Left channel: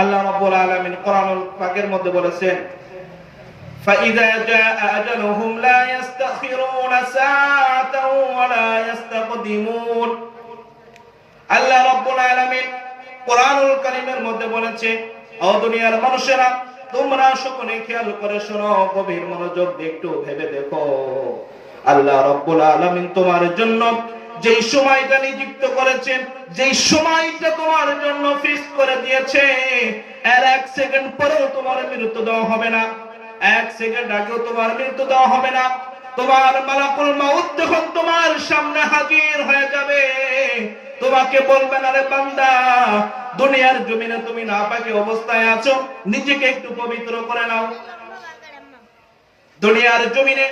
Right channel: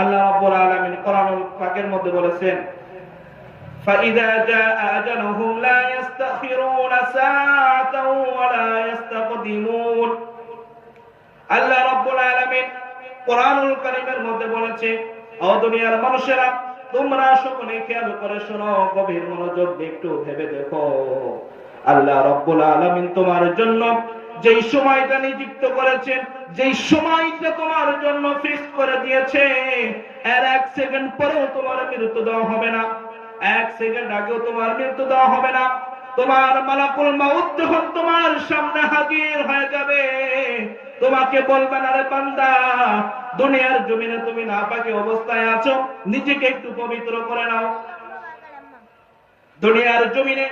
আল্লাহ রাব্বুল আলামিন কোরআনুল পাকের মধ্যে বলেছেন فإذا جاء أجلهم لا يستأخرون ساعة ولا يستقدمون আল্লাহ রাব্বুল আলামিন কোরআনুল কারীমের মধ্যে বলেছে ও দুনিয়ার মানুষেরা তোমরা সকলে খেয়াল করে শোনো গভীর মনোযোগ দিয়ে একটু ভেবে দেখো আল্লাহ রাব্বুল আলামিন তোমার জন্য যেই সময়টা নিযুক্ত করেছেন, যেই সময়টা তোমার জন্য ফিক্স করে দিয়েছে এর এক সেকেন্ড পরেও তোমার মৃত্যু দেওয়া হবে না। এক সেকেন্ড আগেও তোমার মৃত্যু দেওয়া হবে না। তোমার মালাকুল মাউত যখন তোমার সামনে হাজির হয়ে যাবে, তোমাকে বলবেন আরে বান্দা, দুনিয়ার জমিনে তুমি না পাকি অবস্থায় আছো, নিজেকে একটু পবিত্র করে নাও। দুনিয়ার জমিনে,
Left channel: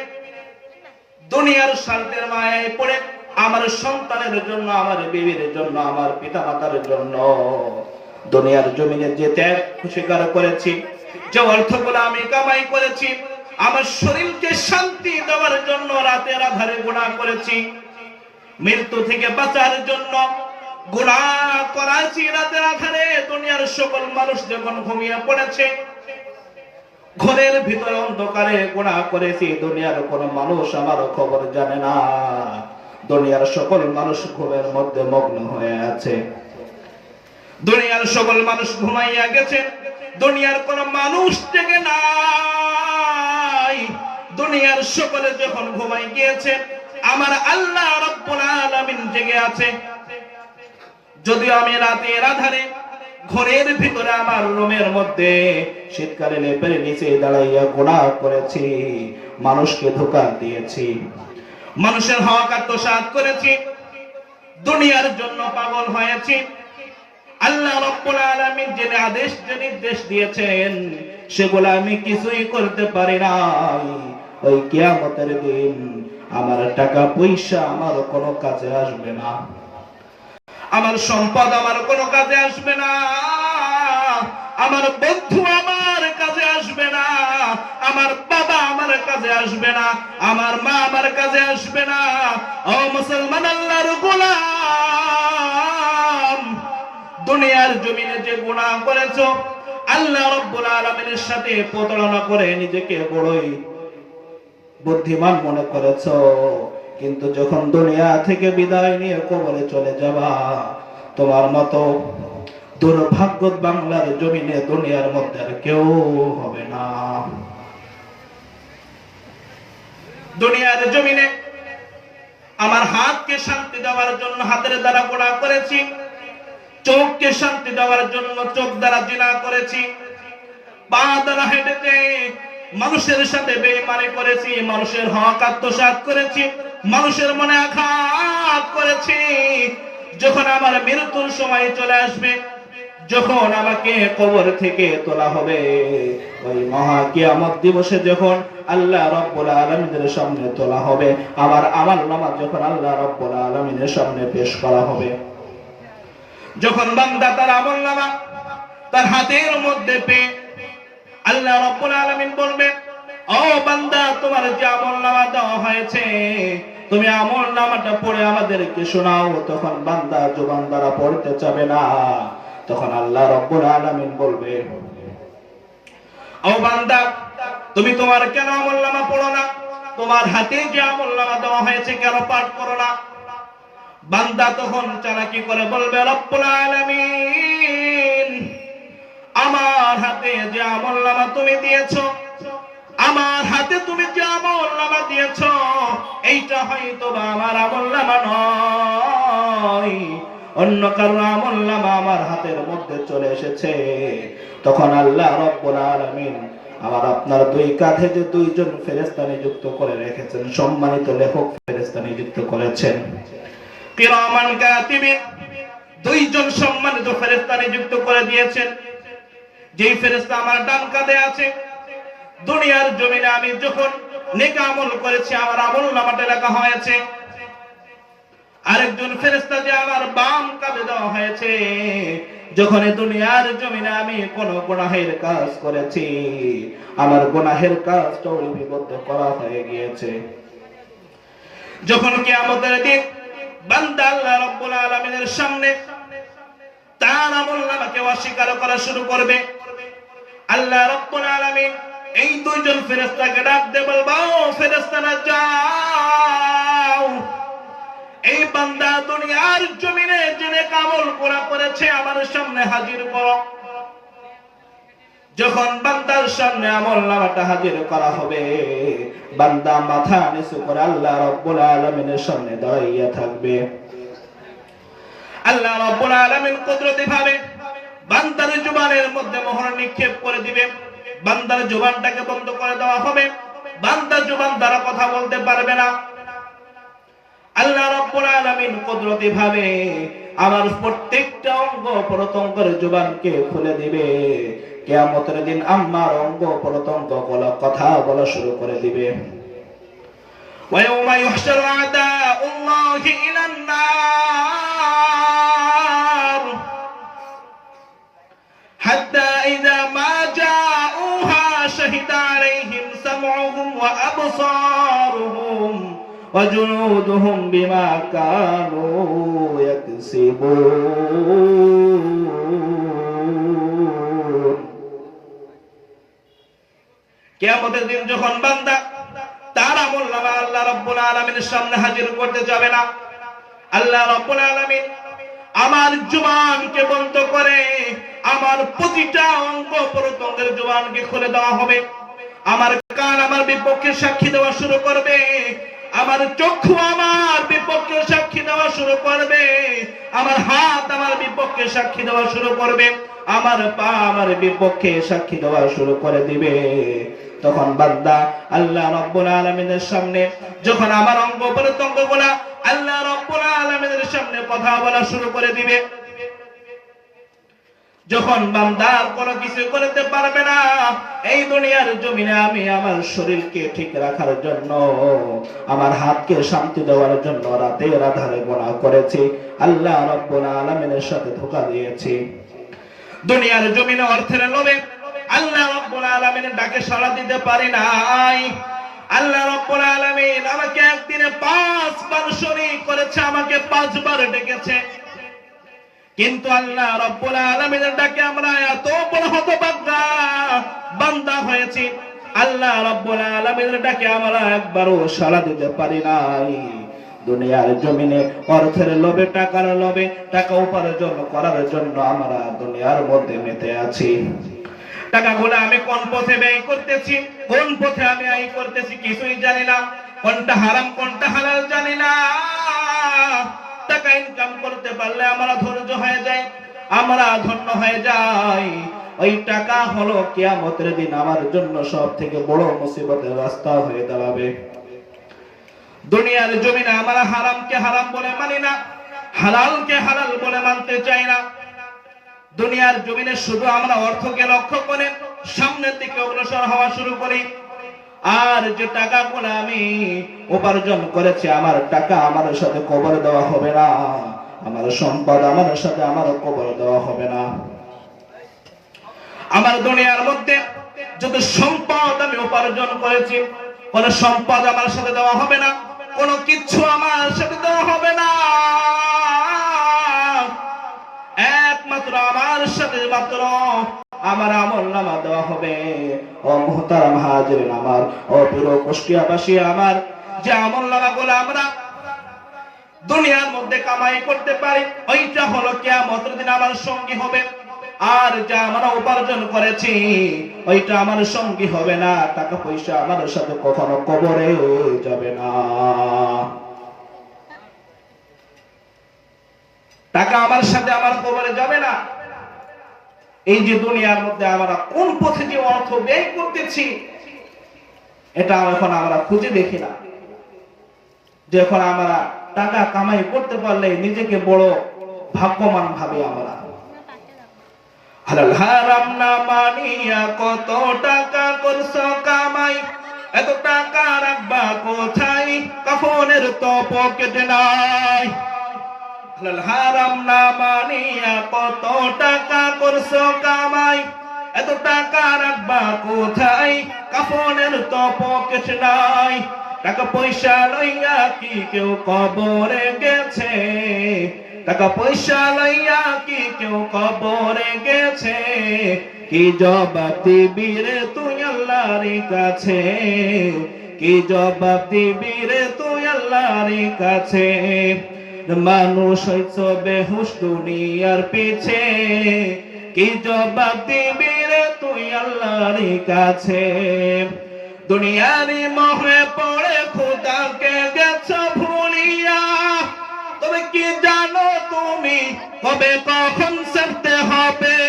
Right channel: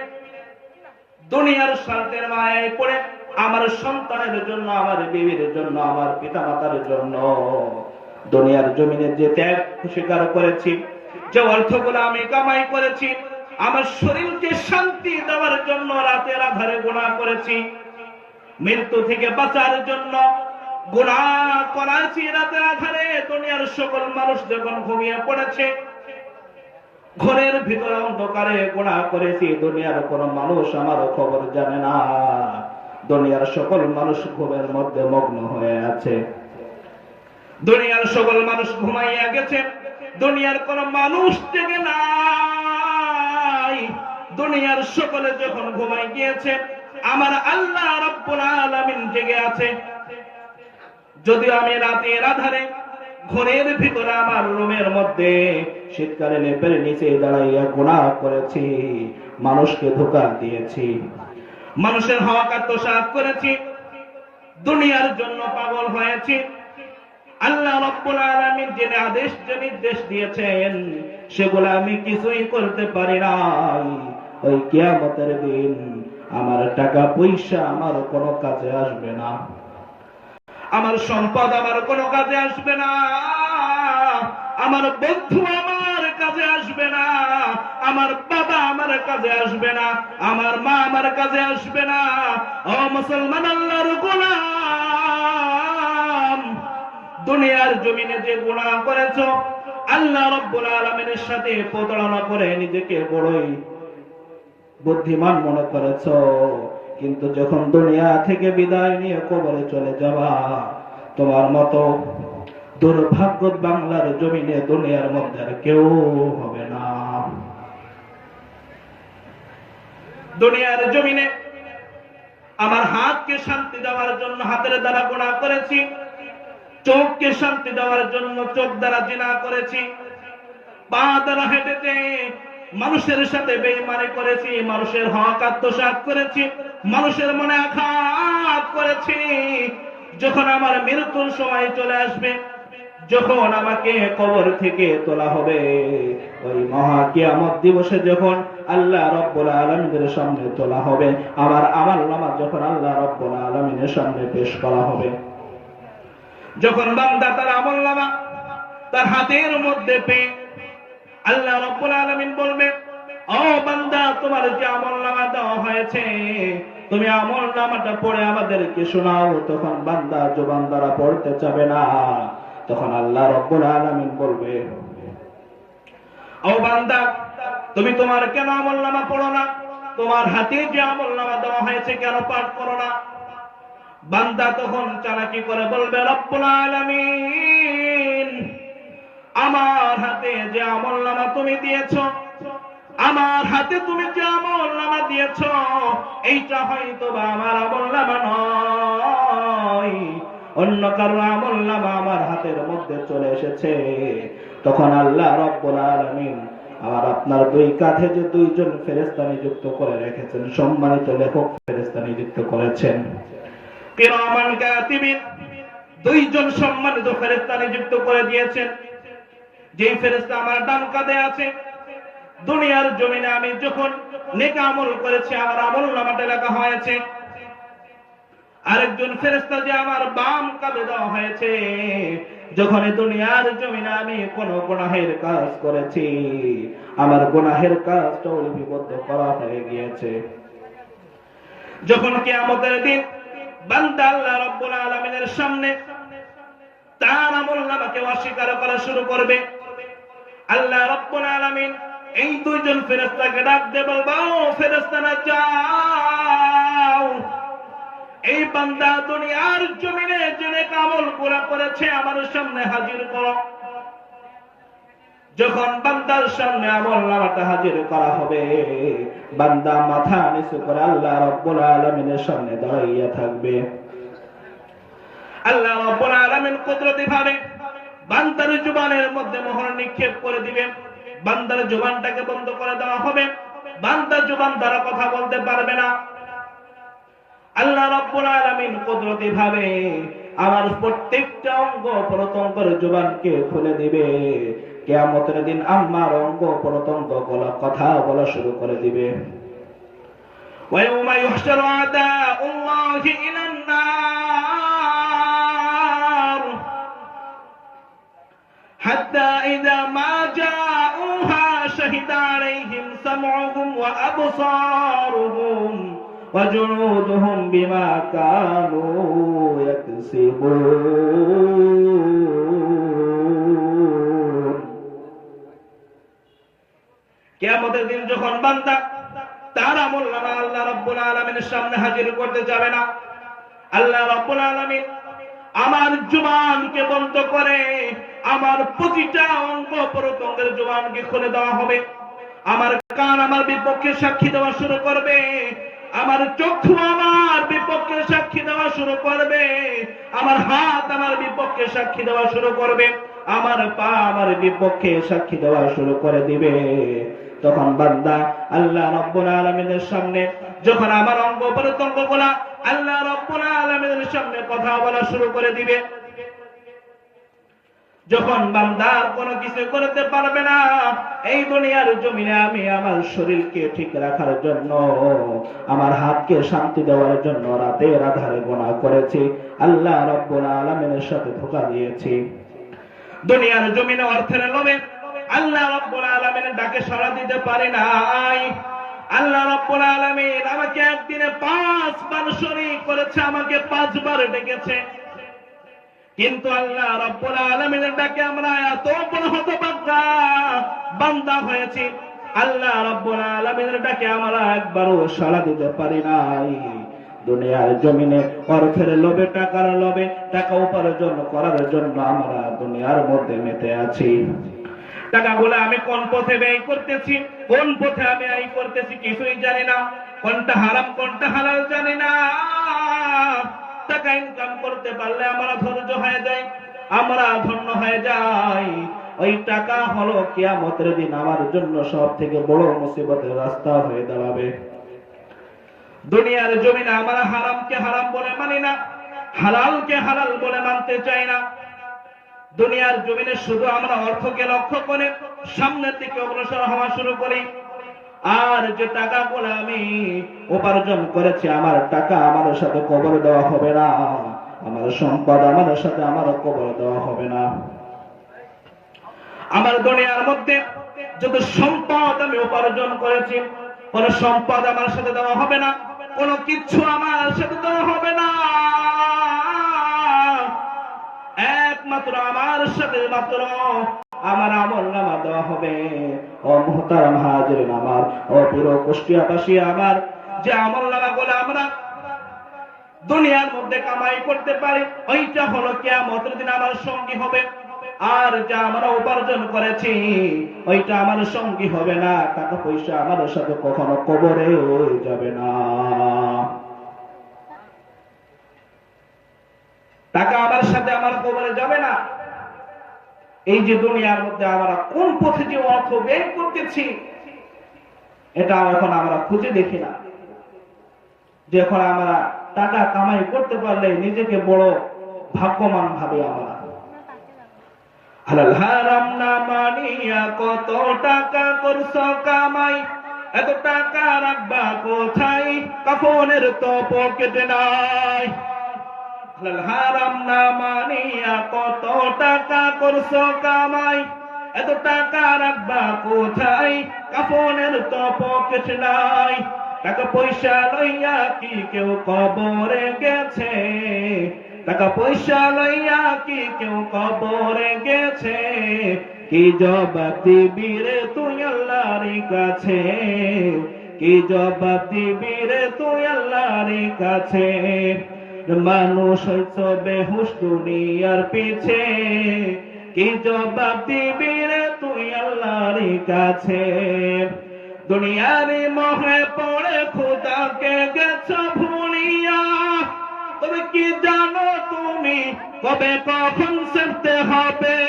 দুনিয়ার শান্তের মায়ায় পড়ে আমার সন্তানের জন্য, আমার বিবির জন্য, আমার পিতা মাতার জন্য দুনিয়ার জমিনে যে ত্যাগ স্বীকার করেছি, যে অর্থগুলো আমি কামাই করেছি, আমার শরীরকে শান্তি দেওয়ার জন্য রাতের আধারে গুণা করেছি, মৃত্যু থেকে বাঁচার জন্য গুণা করাছি, রাতের আধারে দুনিয়ার সকল মানুষ যখন ঘুমিয়ে পড়েছে, ঘরের ভিতরে অন্ধকারে গুণা করেছি, দুনিয়ার কোন মানুষ আমার খবর জানে না। দুনিয়ার সকল মানুষ ঘুমের মধ্যে মগ্ন হয়ে আছে। দুনিয়ার সকল মানুষ ঘুমাইয়া গেছে। দুনিয়ার কোন মানুষ থেকে নাই। দুনিয়ার সকলে যখন ঘুমাই গিয়েছে, আমার আল্লাহ রব্বুল আলামিন জেগে আছে। যদি আমি রাতের আধারে ঘরের ভিতরে আমার রুমের মধ্যে শীতকালে নেপের নিচে দাঁড়াইয়া গুণা করেছি, মানুষকে ধোকা দিয়েছি মানুষের হক আত্মসাৎ করেছি, দুনিয়ার জন্য পাগল হয়েছি। আল্লাহ রব্বুল আলামিন যে আদেশ, যে নির্দেশ দিয়েছেন, সেগুলো আমি কিছুই করতে পারি নাই। ওই কিয়ামতের দিন আমার টাকা পয়সা আমার কোনো কাজে আসবে না। আমার সম্পদ আমার কোনো কাজে আসবে না। আমার বন্ধু আমার কাজে আসবে না। আমার কাজে আসবে না, আমার মা আমার কাজে আসবে না। ও মুসলমান আল্লাহর গোলাম, দুনিয়ার জমিনে যে গুনাহ করেছ, আল্লাহ রব্বুল আলামিনের সাথে প্রতারণা করে নিজেকে বড়ই বুদ্ধিমান মনে করেছ। কিন্তু যখন দুনিয়া থেকে বিদায় নিয়ে কবরে চলে যাবা, তোমার মতো দুর্ভাগ্য বাংলার জমিনে দুনিয়ার মধ্যে আর কেউ হবে না। দুনিয়ার জমিনে আমার হাতকে শান্তি দেওয়ার জন্য হাতের দ্বারা গোড়া করেছি, চোখকে শান্তি দেওয়ার জন্য চোখ দ্বারা জিনা করেছি, পা দ্বারা হেঁটেছে মানুষের সাথে বেইমানি করেছি, মানুষের হক আত্মসাৎ করেছি, মানুষের মনে আঘাত করেছি। যখন আমার মৃত্যুর সময় চলে আসবে, যখন আমাকে কবর থেকে তোলা হবে, ওই মহা কিয়ামত দিবসে যখন আল্লাহ রব্বুল আলমিনের সামনে তোলা হবে আমার আমার নামা যখন আল্লাহ রব্বুল আলমিনের সামনে পেশ করা হবে। যখন বান্দা তার আমল নামা তার হাতের মধ্যে পেয়ে আল্লাহ রব্বুল আলামিন বলবে, ও বান্দা, তোমার যে আমল নামা দেওয়া হয়েছে, তুমি আমল নামাটা পড়ে আমাদেরকে শোনাও। তখন বান্দা জবান দ্বারা পড়তে চাবে না। তখন আল্লাহ রব্বুল আলামিন বলবে তুমি তোমার কেন আমল নামা পড়ো না? তোমার হাতে যে আমল নামা দেওয়া হয়েছে কেন পাঠ করো না? বান্দা তখন চালাকি করে বলবে আমার হাতে যে আমল নামা তুমি দিয়েছ, আমার হাতে তুমি যে আমল নামা দিয়েছ, এইটা হয়তো বা আমার আমল নামা নয়। অন্য কারও আমল নামা আমার হাতের মধ্যে চলে এসেছে। তখন আল্লাহ রব্বুল আলামিন আমার আপনার দুই কাঁধে যে দুইজন ফেরেস্তা নিযুক্ত করে রেখেছেন, সম্মানিত লেখক ফেরেস্তা নিযুক্ত করেছেন। কিরামান কাতিবিন, দুইজন সম্মানিত ফেরেস্তা নিযুক্ত করে দিয়েছেন। যেই ফেরেস্তা আমার ডান কাঁধে আছে, দুনিয়ার জমিনে আমি যখন নেকা আমল করেছি, আমার আমল নামাটা লেখা হয়েছে আরেকজন ফেরেস্তা যে আমার বাম কাঁধে দেওয়া হয়েছে, যখন দুনিয়ার জমিনে আমি কোন গুনাহের কাজ করেছি, আমার গুনাহের কাজটাও লিপিবদ্ধ করা হয়ে গিয়েছে। যখন কি আমাদের দিন বান্দা আল্লাহ রব্বুল আলামিনের সামনে তার আমল নামাকে অস্বীকার করা শুরু করবে, আল্লাহ রব্বুল এই দুইজন ফেরেশতাকে ডাক এই বান্দা দুনিয়ার জমিনে জেনে কামল করা করেছে, আমার সামনে হাজির করো। যখন বান্দার সামনে আমল নামাটা হাজির করা হবে, বান্দা মাথা নিচু করে আল্লাহ রব্বুল আলামিনের সামনে দাঁড়াইয়া থাকবে। আল্লাহ রব্বুল আলামিন কুদরতি ভাবে বান্দার জুবানের মধ্যে মোহর নিক্ষেপ করে দিবে। বান্দার জুবানটাকে বন্ধ করে দেওয়া হবে। বান্দার জুবান দ্বারা কথা বলতে পারবে না। আল্লাহ রব্বুল আলামিন কুদরতি ভাবে আমার প্রত্যেকটা অঙ্গ প্রত্যঙ্গের জুবানকে খুলে দিবে কিয়ামতের দিন আমার অঙ্গ প্রত্যঙ্গ গুলো কথা বলা শুরু করে দিবে ويوم يحشر أعداء الله إلى النار حتى إذا ما جاءوها شهد عليهم سمعهم وأبصارهم وجنودهم بما كانوا يكسبون কিয়ামতের দিন যখন বান্দা তার আমল নামা আল্লাহ রব্বুল আলামিনের সামনে হাজির করতে যাবে না আল্লাহ রব্বুল আলামিন আমার জুবানকে বন্ধ করে আমার প্রতিটা অঙ্গ প্রত্যঙ্গের জুবানকে খুলে দেওয়া হবে আমার কান আমার বিপক্ষে সাক্ষী দেওয়া শুরু করবে আমার চক্ষু আমার বিপক্ষে সাক্ষী দেওয়া শুরু করবে। আমার হাত আমার বিপক্ষে সাক্ষী দেওয়া শুরু করবে। আমার পা আমার বিপক্ষে সাক্ষী দেওয়া শুরু করে দিবে। তখন বান্দা আল্লাহ রব্বুল আলামিনের সামনে যখন আমার অঙ্গ প্রত্যঙ্গগুলা আল্লাহ রব্বুল আলামিনের সামনে কথা বলা শুরু করে দিবে যখন বান্দার কোনো কিছু করতে পারবে না, এই দুনিয়ার জমিনে আমি আমার শরীরকে ঠিক রাখার জন্য, আমার হাতকে শান্তি দেওয়ার জন্য রাতের আধারে গোনা করেছি, আল্লাহ রব্বুল আলামিনের সাথে ধোকা দিয়েছি। দুনিয়ার জমিনে অর্থের লোভে আল্লাহ রব্বুল আলামিনের ডাকে সাড়া দিতে পারি নাই। আল্লাহ রব্বুল আলামিন আমাকে একদিনে পাঁচবার শরীক করেছে, আমাকে পাঁচবার ডেকেছে। কিন্তু আল্লাহ রব্বুল আলামিনের ডাকে আমরা এত বড় হতভাগ্যা বান্দা হয়েছি। আল্লাহ রব্বুল আলামিনের ডাকে আমরা একবারও সাড়া দিতে পারি নাই। দুনিয়ার জমিনে অর্থের লোভে, টাকার লোভে, টাকা উপার্জন করার জন্য আমরা দুনিয়ার মধ্যে মেতে আছি। টাকাগুলো আমি কোন পথে ব্যয় করতেছি, কোন পথে আমি আয় করতেছি কিছুই জানি না। কোনটা হারাম, কোনটা হালাল জানি না। টাকা ইনকাম করতে পারলে আমরা আমরা ধন্য হয়ে যাই। ওই টাকা হলো কিয়ামতের দিন আমার জন্য সব থেকে বড় মুসিবতের রাস্তা হয়ে দাঁড়াবে। দুনিয়ার জমিনে আমরা হারামকে হারাম বলে মানি না, হালালকে হালাল বলে মানতে চাই না। দুনিয়ার জমিনে শুধু আমরা অর্থকে লক্ষ্য করে সামনের দিকে অগ্রসর হওয়া শুরু করি। আর যে টাকা টাকাগুলো আমি উপার্জন করেছি, আমার টাকা আমার সাথে কবর দেওয়া হবে না। আমার সম্পদ, আমার সাথে আমারও কবর দেওয়া হবে না। আমার দুনিয়ার মধ্যে যত সম্পদ আমি উপার্জন করেছি, কোন সম্পদ আমার সাথে দেওয়া হবে না, কোনো কিছু আমার সাথে দেওয়া হবে না। একমাত্র আমার সাথে মাত্র আমার আমল নামা দেওয়া হবে। ও মোহতারাম হাজির আমার, ও প্রিয় কুষ্টিয়াবাসী আমার, যে আমল নামা গুলো আমরা দুনিয়ার মধ্যে কামাই করতে পারি, ওইটা হলো কিয়ামতের দিন আমার সঙ্গী হবে। আর যা আমরা উপার্জন করেছি, ওইটা আমার সঙ্গী হবে না, টাকা পয়সা আমার সাথে কখনো কবরে যাবে না। টাকা আমার সাথে আমার কবরে যাবে না। এই যে দুনিয়ার মধ্যে আমরা কোন পথে যে অর্থ ব্যয় করতেছি, এটা এখন আমরা খুঁজে দেখি না। যে এখন আমরা টাকা কামাই করতে পারলে নিজেকে বড় ভাগ্যবান ভাবে আমরা। হারাম না মানিয়া কত টাকা করছ কামাই? এত টাকা রাখবা কোথায়? কাফনের তো পকেট নাই। হারাম না মানিয়া কত টাকা করছ কামাই? এত টাকা রাখবা কোথায়? কাফনের তো পকেট নাই। টাকা পয়সা লইয়া কি কেউ কবরে গেছে? টাকা পয়সা লইয়া কি কেউ কবরে গেছে? কি জবাব দিবি রে তুই আল্লাহর কাছে? কি জবাব দিবি রে তুই আল্লাহর কাছে? মানুষ হইছ বেহুশ দুনিয়ার পিছে। কি জবাব দিবি রে তুই আল্লাহর কাছে? দুনিয়ারি মোহে পড়ে খোদা কে গেছ ভুলিয়া তবে কি জানো তুমি কবে কখন সেরতে হবে